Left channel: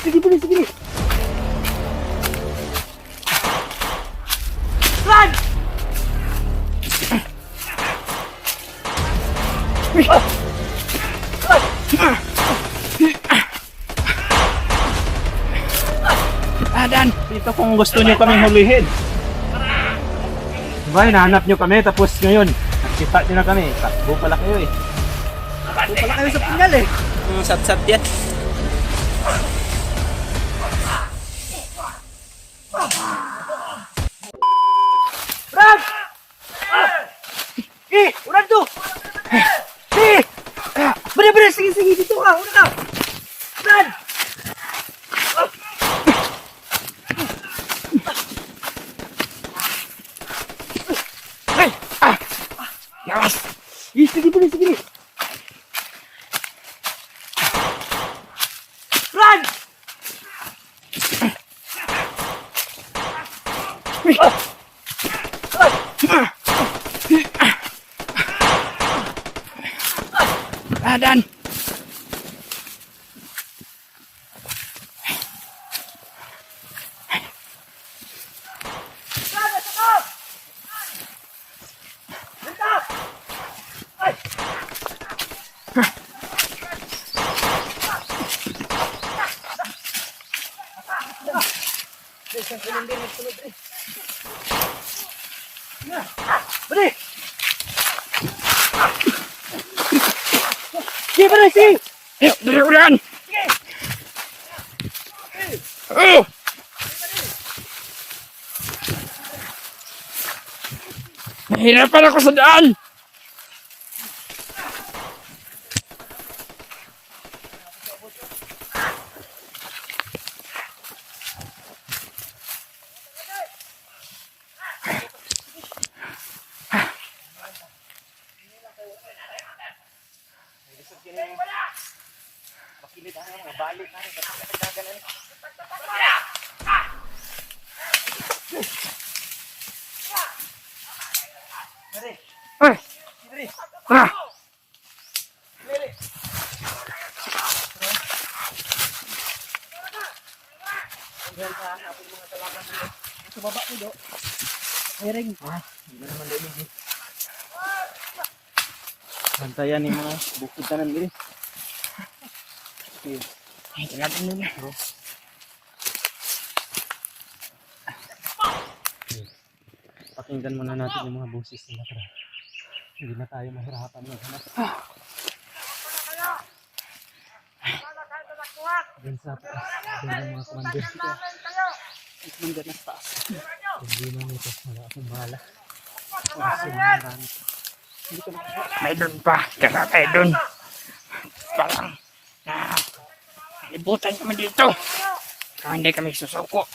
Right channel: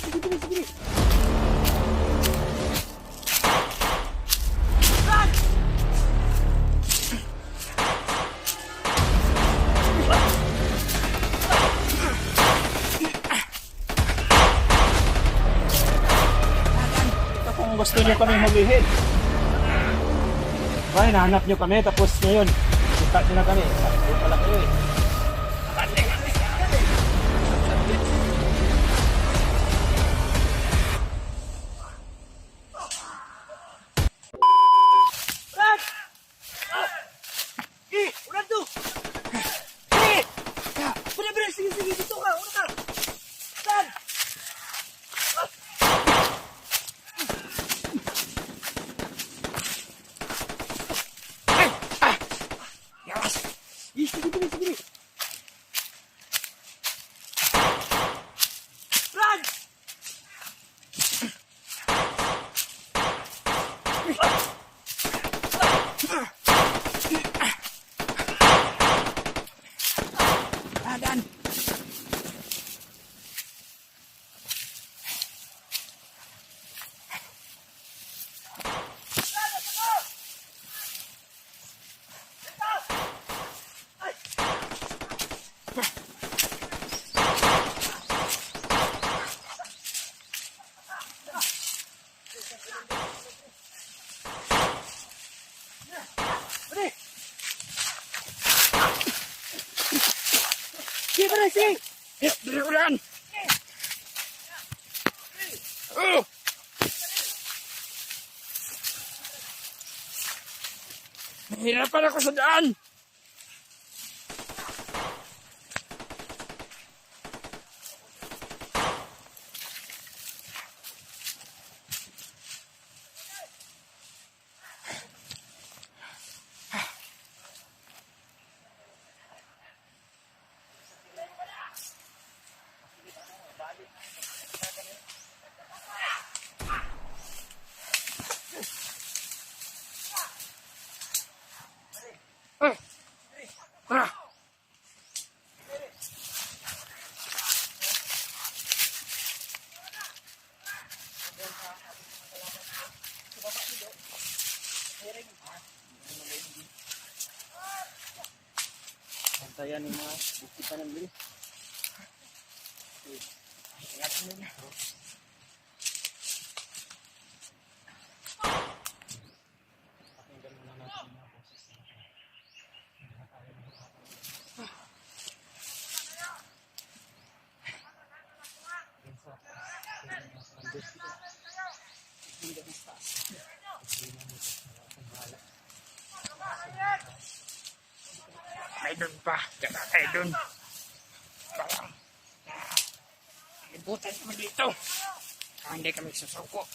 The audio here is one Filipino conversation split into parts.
Sige, sige. Run! Dan, dito kung gusto niyo kaming hulihin. Diba, hinahanap niyo kami, tapos ngayon, nakita niyo na kami. Takbo pala kayo eh. Takbo pala kayo sa pingal eh. Sat-sat yan. Brad! Ulan to! Bari, sige, dito ka, una ka! Brad! Yawas! Sige. Brad! Dan! Bari! Sige! Dali ulan! Oh! Nahirapan ako sa daan! Ay! Ah! Sa baba ko, do. Hiring. Bantayan yung mga bukid tanan diri. Ay, kailangan nila. Pakinggan muna natin yung mga boses nila para hindi na tayo mahirapan maghanap. Doon sa taas, doon yung mga commander sila. Commander na sa taas. Hindi mo nito, wala akong bahala. Kasi marami. Hindi ko makakita. May doon pa. Kaya tayo doon. Parang libutan kami dito. Kaya hindi kami susuko.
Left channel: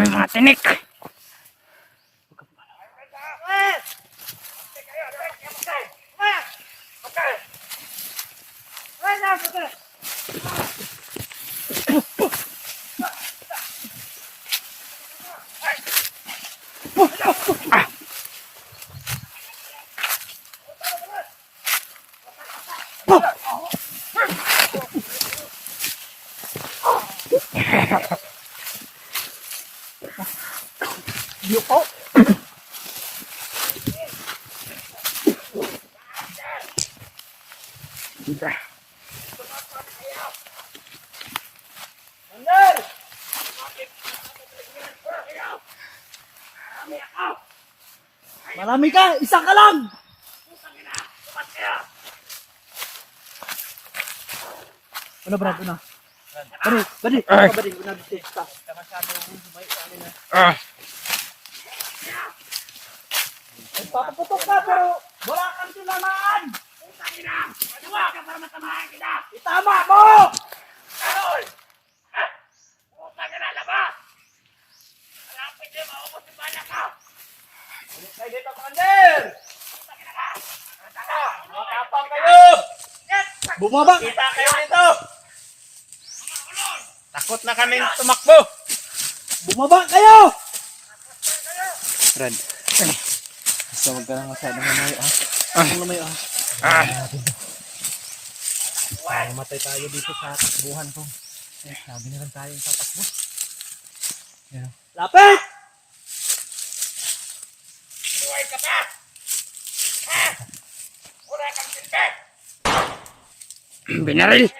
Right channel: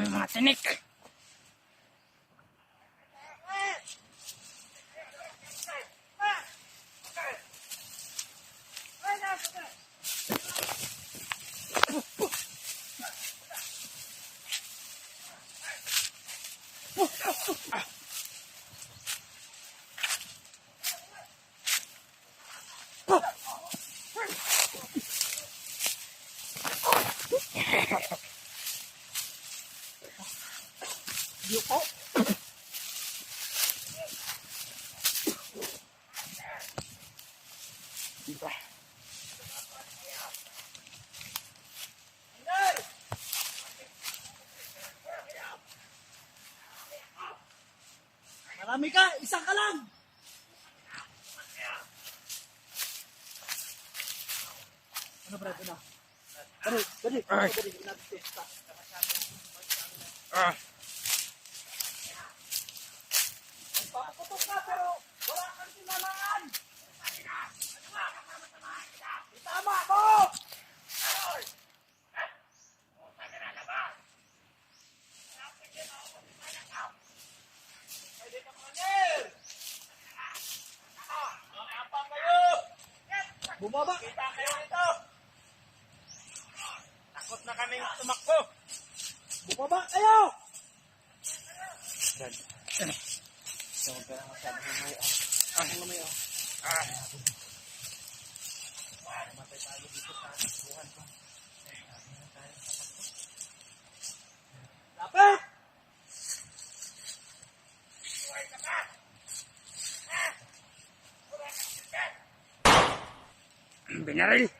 May mga tinik. Yuko! Diba? Marami ka! Isa ka lang! Ano, Brad? Ano? Bari! Bari! Una dito. Stop. Ah, Papaputok ka pero wala kang tinamaan! Itama mo! Kaya dito, Commander! Matapang kayo! Bumaba! Kita kayo dito! takot na kaming tumakbo. Bumaba kayo! Brad, Basta wag ka lang masyadong lumayo ah. Ang lumayo ah. Mamatay tayo dito sa takbuhan ko. Sabi na lang tayong tatakbo. Lapit! Buhay ka pa! Ha? Wala kang silbi! Binaril!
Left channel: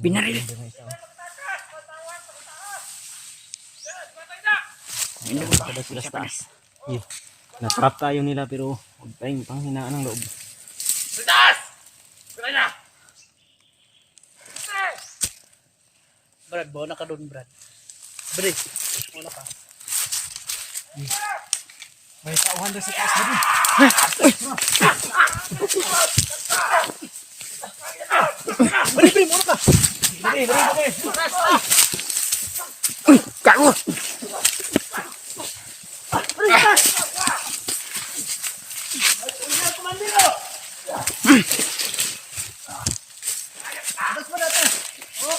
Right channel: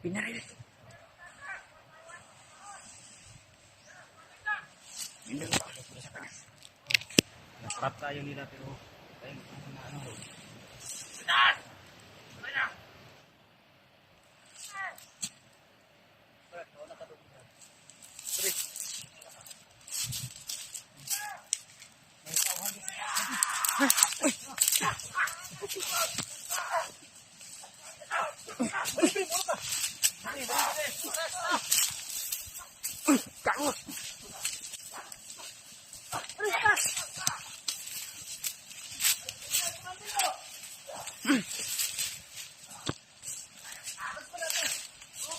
Binaril! Hindi ko pa. Sila sa taas. Na-trap tayo nila pero huwag tayong panghinaan ng loob. Taas! Tara na! Brad, bawa na ka doon, Brad. Brad, bawa na ka. May tauhan doon sa taas na din. Brad, Brad, bawa na ka. Uy! Kago! Atas mo natin. Oh.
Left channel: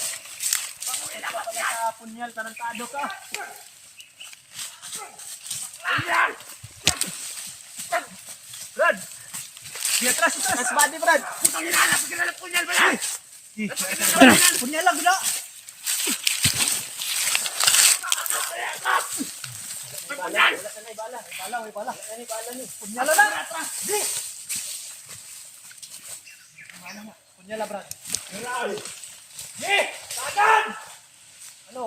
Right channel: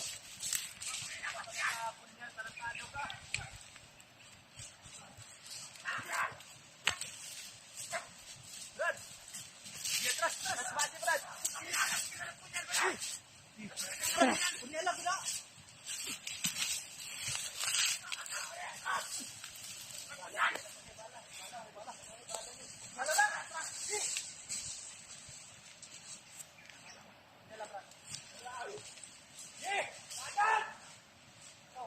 Punyal, tarantado ka. Brad! Di atras, atras. Atras body, Brad. Punyal lang, bila. Punyal lang. Di. Punyal lang, Brad. Di! Tagan! Ano?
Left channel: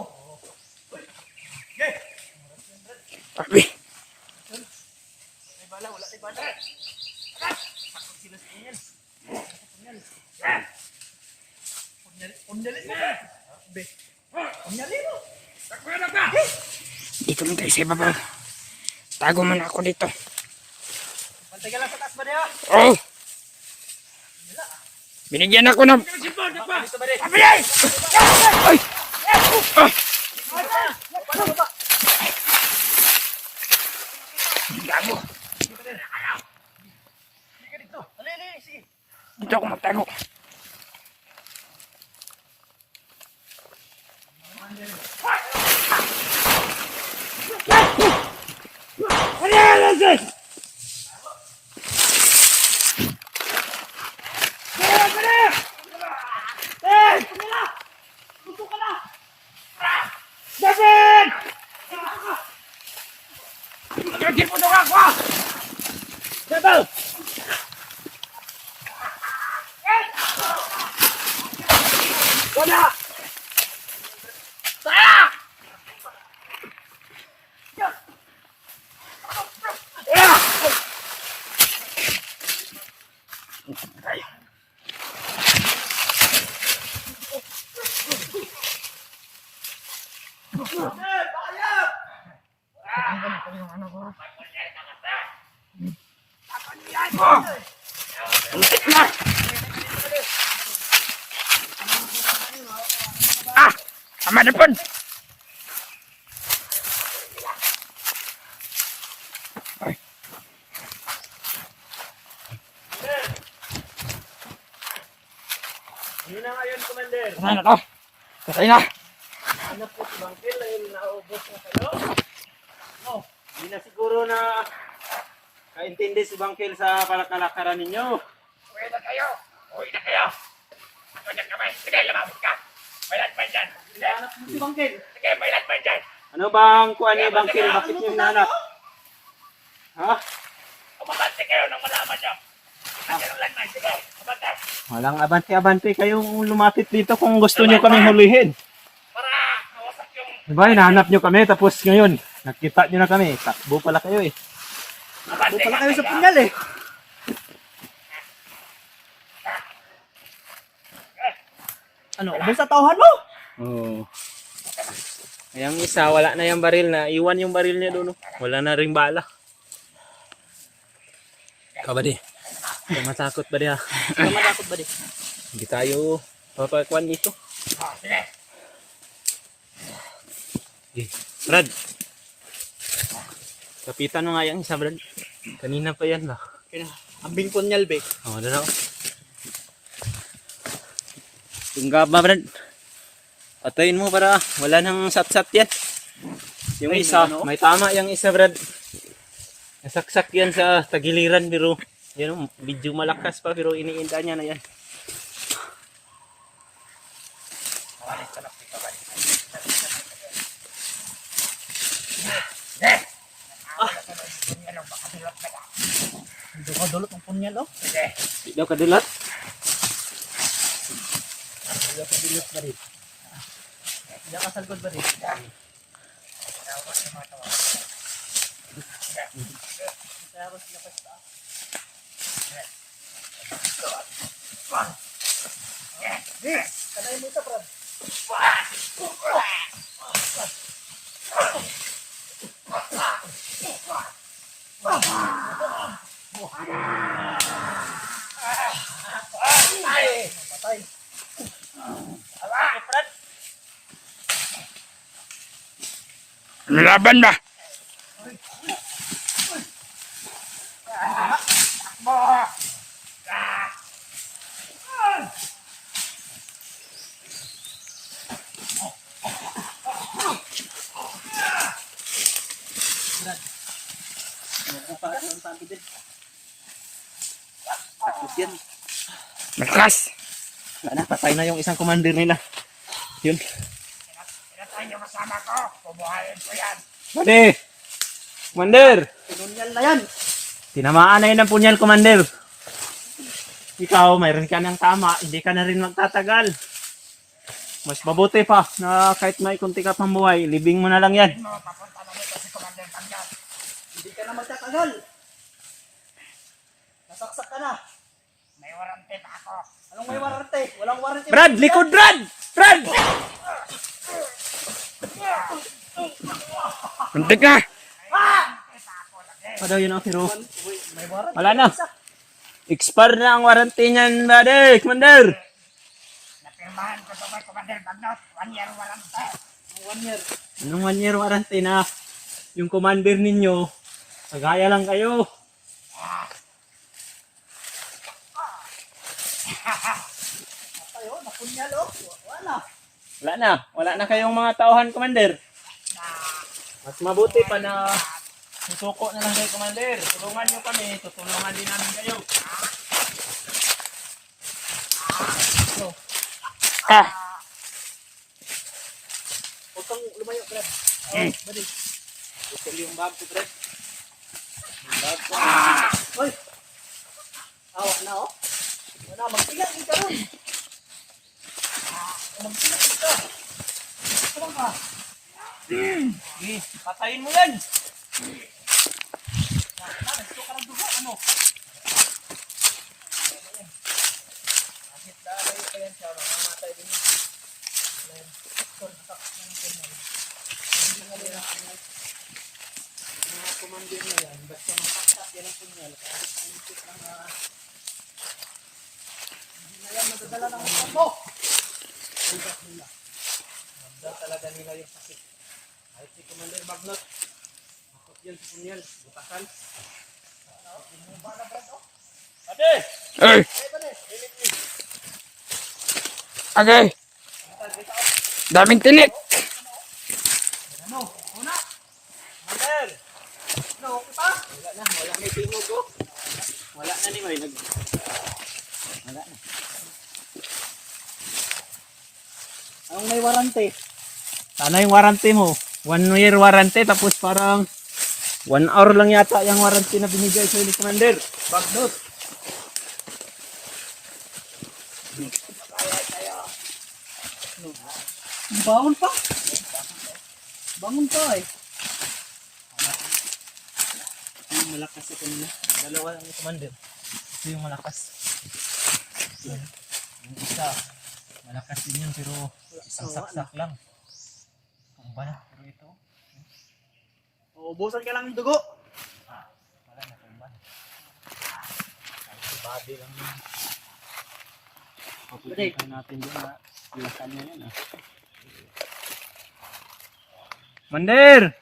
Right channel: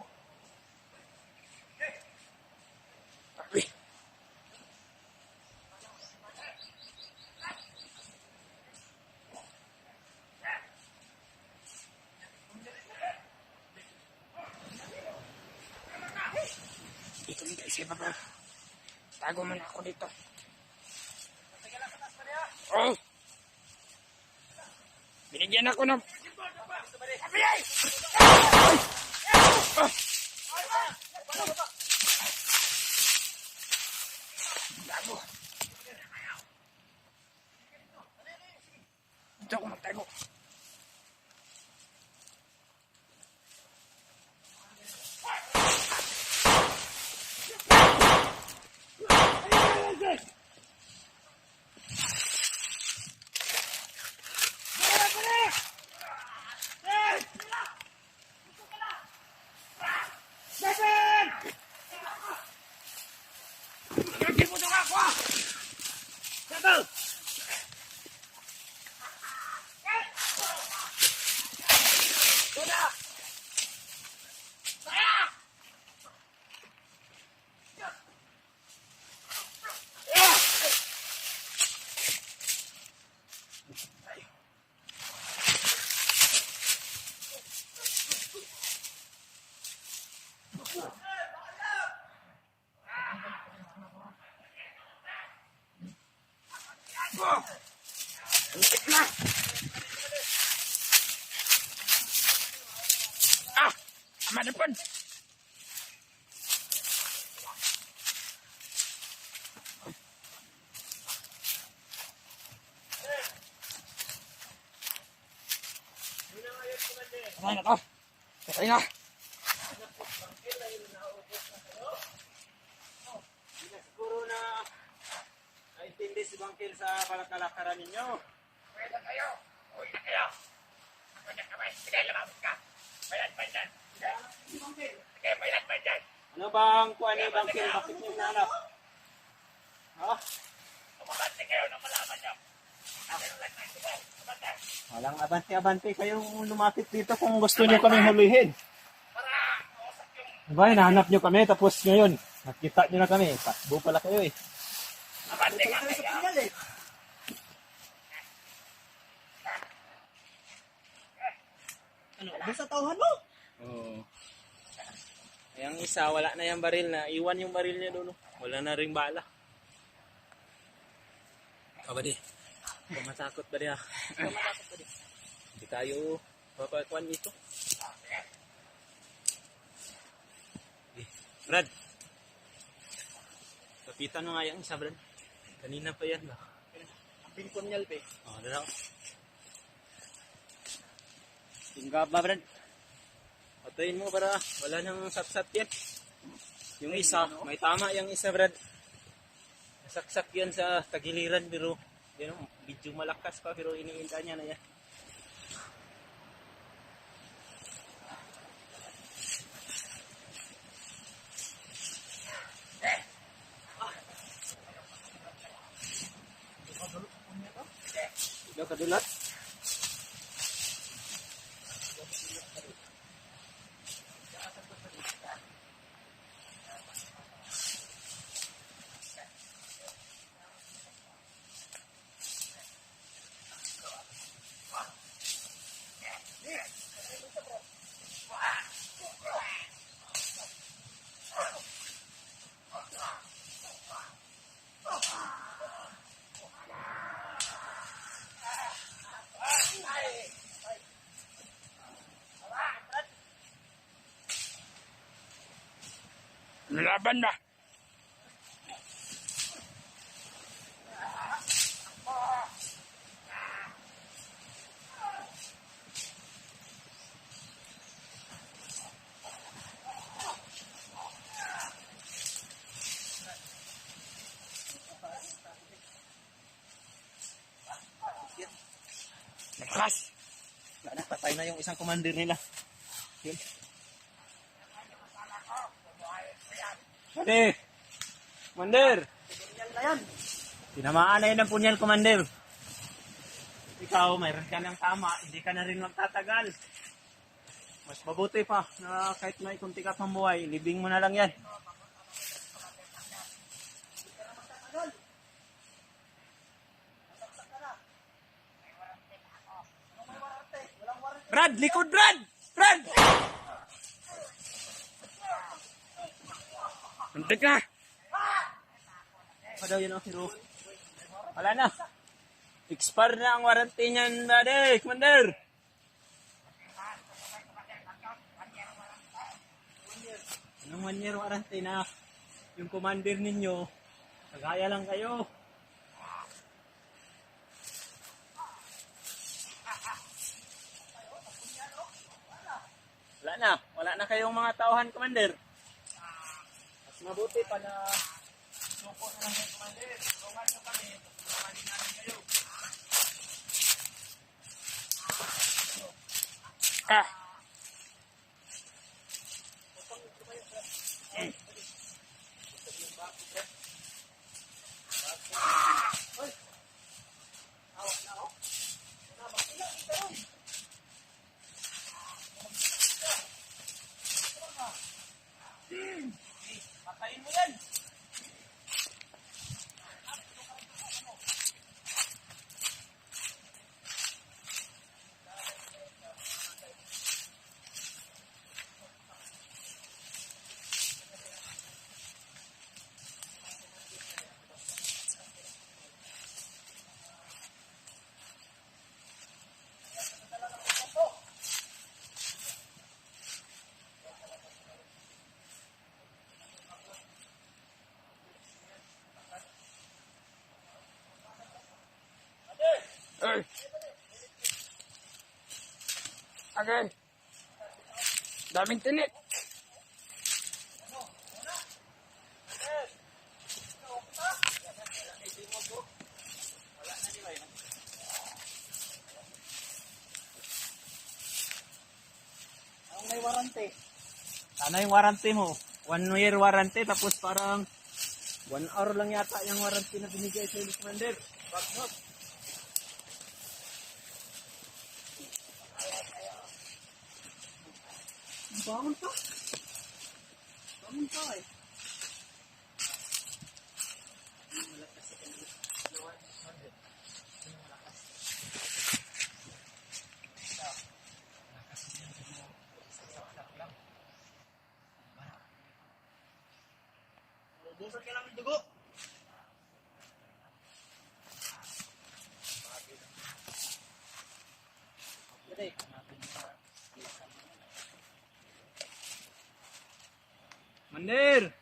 Papi! May bala, wala may bala. Punyalin mo. Be. Punyalin mo. Dito lang tayo sa ibabaw. Tago muna ako dito. Pantay ka lang sa taas ba niya? Oh! Binigyan ako ng... Dito ba rin? Ay! Ay! Ah! Gago! Dito ako magtago. David! Gagin mo doon ako! David! Wala! Saya! Untik na! Ah! Sama depan! Ay. Yun na ngayon, Commander. Patay na to! Patay na! Hanap ko si Bangkil ay naubos na kayo. Oh, hindi na siguro na kaintindi si Bangkil sa palakalakaran ninyo. Uwi na kayo! Uwi na kayo! Ako dyan kamay! Sige, lumabot ka! May latman dyan! Hanap mo si Bangkil. Sige, may latman dyan! Ano bang kuha niyo, Bangkil? Bakit niyo hinahanap? Ha? Umabante kayo nang malaman nyo! Nandiyan ang latman! Sige, umabante! Walang abante-abante kayong lumapit dito kung gusto niyo kaming hulihin. Para mawasak yung... Diba, hinahanap niyo kami tapos ngayon, nakita niyo na kami. Takbo pala kayo eh. Umabante Takbo pala ka! kayo sa punyal eh. Ano, ubos sa tauhan mo? Oo. Yung isa, wala na yung baril na. Iwan yung baril niya doon. Wala na ring bala. Ikaw ba di? Huwag matakot ba di ha? Wala matakot ba di? Hindi tayo papakuan ito. Sige! Brad. Kapitan mo nga yung isa, Brad. Kanina pa yan lah. Ambing punyal be. Oo, doon ako. Tunggab ba, Brad? Patayin mo para wala nang sat-sat yan. Yung Ay, isa, ano? may tama yung isa, Brad. Nasaksak yan sa tagiliran pero yan medyo malakas pa pero iniinda niya na yan. Hindi ko dulot ang punyal, oh. Hindi daw kadulat. Hindi ka dulot ba rin? Hindi ka salgod ba rin? Kanay mo ito, Brad. Patay. Laban ba? Takot yan. Malakas. Wala na, patay na yung isang commander nila. Yun. Pinatay yung kasama ko. Pubuhayin ko yan. Pwede! Commander! Pinunyal na yan. Tinamaan na yun ang punyal, Commander. Ikaw, mayroon ka ng tama. Hindi ka na rin magtatagal. Mas mabuti pa na kahit may kunti ka pang buhay, libing mo na lang yan. Papunta na nito si Commander Tanggap. Hindi ka na magtatagal. Nasaksak ka na. May warranty pa ako. Anong may warranty? Walang warranty. Brad! Likod, Brad! Brad! Muntik na. Ano daw yun ang pero May warranty. wala na. Expire na ang warranty niyan, buddy, Commander. Napirmahan ko ito kay Commander Bagnot. 1 year warranty. 1 year. Anong 1 year warranty na yung commander ninyo, sagaya lang kayo. Tayo, napunyal, oh. Wala. Wala na kayong mga tauhan, Commander. Mas mabuti pa na susuko na lang kayo, Commander. Tulungan nyo kami, tutulungan din namin kayo. Huwag kang lumayo, Brad. Bali. Ito yung bag ko, Brad. Yung bag ko. Hoy. Awa na, oh. Wala, magtiyak ka ron. Magtiyak ka. Ano ka? Sige, patayin mo yan. Gusto ka ng dugo, ano? Kahit dalayo pa yan siya, mamamatay din yun. Kontak ng punyal. Hindi nga nila mga commander na yan, basta makakak yan ang punyal. Kahit pumitik lang hindi na yan madadala ng upan mo. Ugat nila. Magdal talaga nila yung sakit. Kahit si Commander Bagnot, akot yan si Punyal, butakan. Ate! Hey. Okay. Daming tilit. Ano? Una? Commander! Ano? Okay pa? Wala na yung tingog ko. Wala na ni May. Wala na. Anong may warranty? Ano yung warranty mo? 1 year warranty tapos parang 1 hour lang yata yung warranty na binigay sa ni Commander. Bagnot. Bangon pa? Bangon pa eh. Yung malakas ito nila. Dalawa lang yung Commander. Ito yung malakas. Yung isa. Malakas din yun pero isang saksak lang. Ang bala. Pero ito. Uubusan ka lang ng dugo. Wala na kung bala. Body lang yun. Papupunta natin doon na ilasan niya yan. Commander!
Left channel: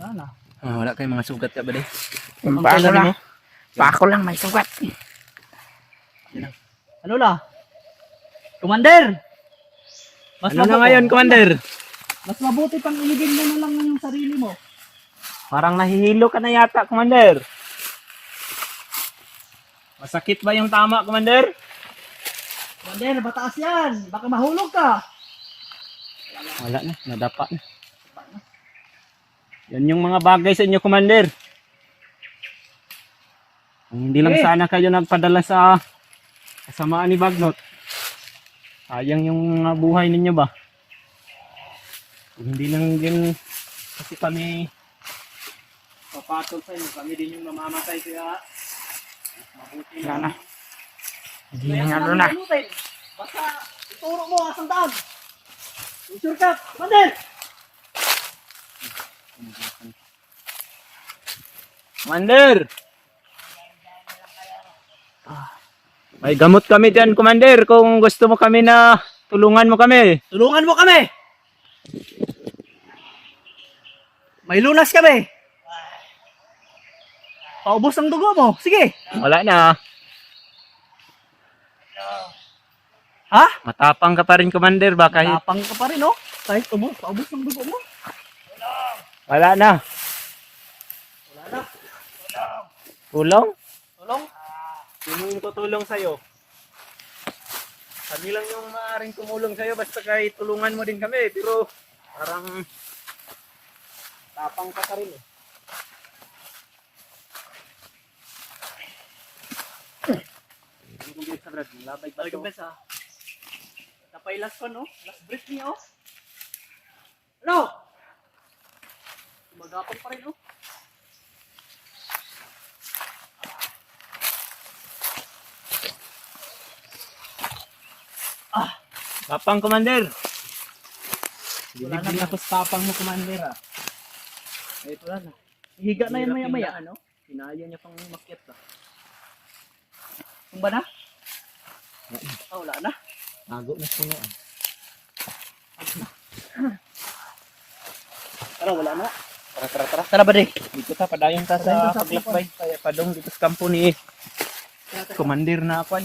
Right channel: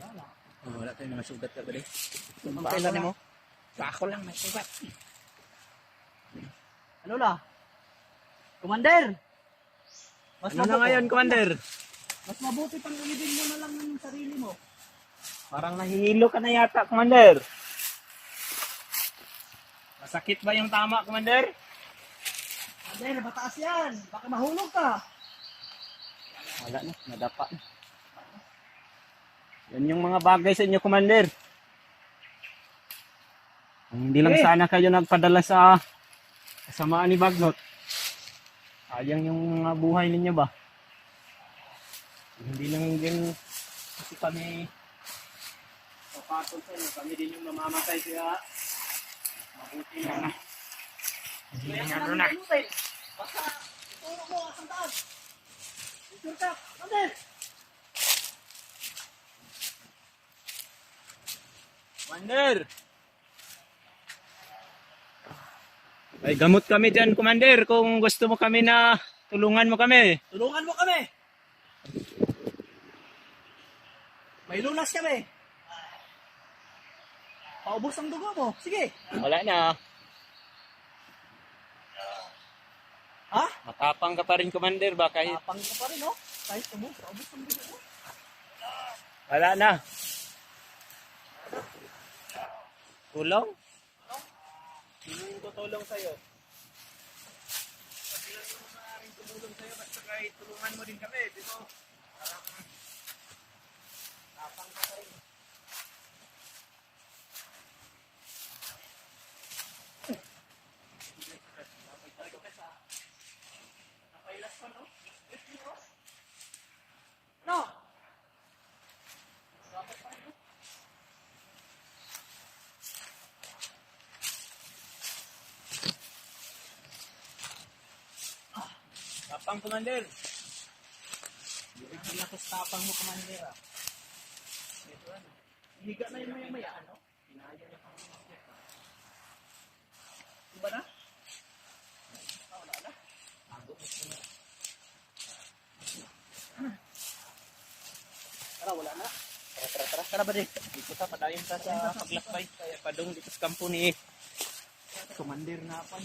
Wala. Wala kayong mga sugat ka ba di? Pako lang. Pako lang may sugat. Ano la? Commander! Mas Ano na mabuko. ngayon, Commander? Mas mabuti pang iligin mo na lang yung sarili mo. Parang nahihilo ka na yata, Commander. Masakit ba yung tama, Commander? Commander, mataas yan. Baka mahulog ka. Wala na, nadapa na. Yan yung mga bagay sa inyo, Commander. Kung hindi lang sana kayo nagpadala sa kasamaan ni Bagnot. Sayang yung mga buhay ninyo ba? Kung hindi lang din kasi kami papatol sa inyo, kami din yung mamamatay kaya mabuti na. Hindi na nga na. Basta ituro mo asang daan. Shortcut, Commander! Commander! May gamot kami dyan, Commander. Kung gusto mo kami na tulungan mo kami. Tulungan mo kami! May lunas kami! Paubos ang dugo mo. Sige! Wala na. Ha? Matapang ka pa rin, Commander. Ba kahit Tapang ka pa rin, oh. Kahit paubos ang dugo mo. wala na. Tulong? Tulong? Sino yung tutulong sa'yo? Kami lang yung maaaring tumulong sa'yo basta kahit tulungan mo din kami. Pero parang tapang ka pa rin eh. Labay ba Balik ito? ang besa. Napay last one, oh. Last breath niya, oh. Ano? Magapang pa rin, oh. Tapang, Commander. Wala Bilib din na. ako sa tapang mo, Commander ah. Ay, wala na. Higa na yan Hirap maya-maya. yung ano? Pinayo niya pang makyat ba? Kung ba na? Oh, wala na. Nago na punuan. Tara, wala na. Tara. Tara ba, di? Dito ta, padayon ta Padayon sa ta sa paglakbay. Kaya padong dito sa kampo ni Commander na ako.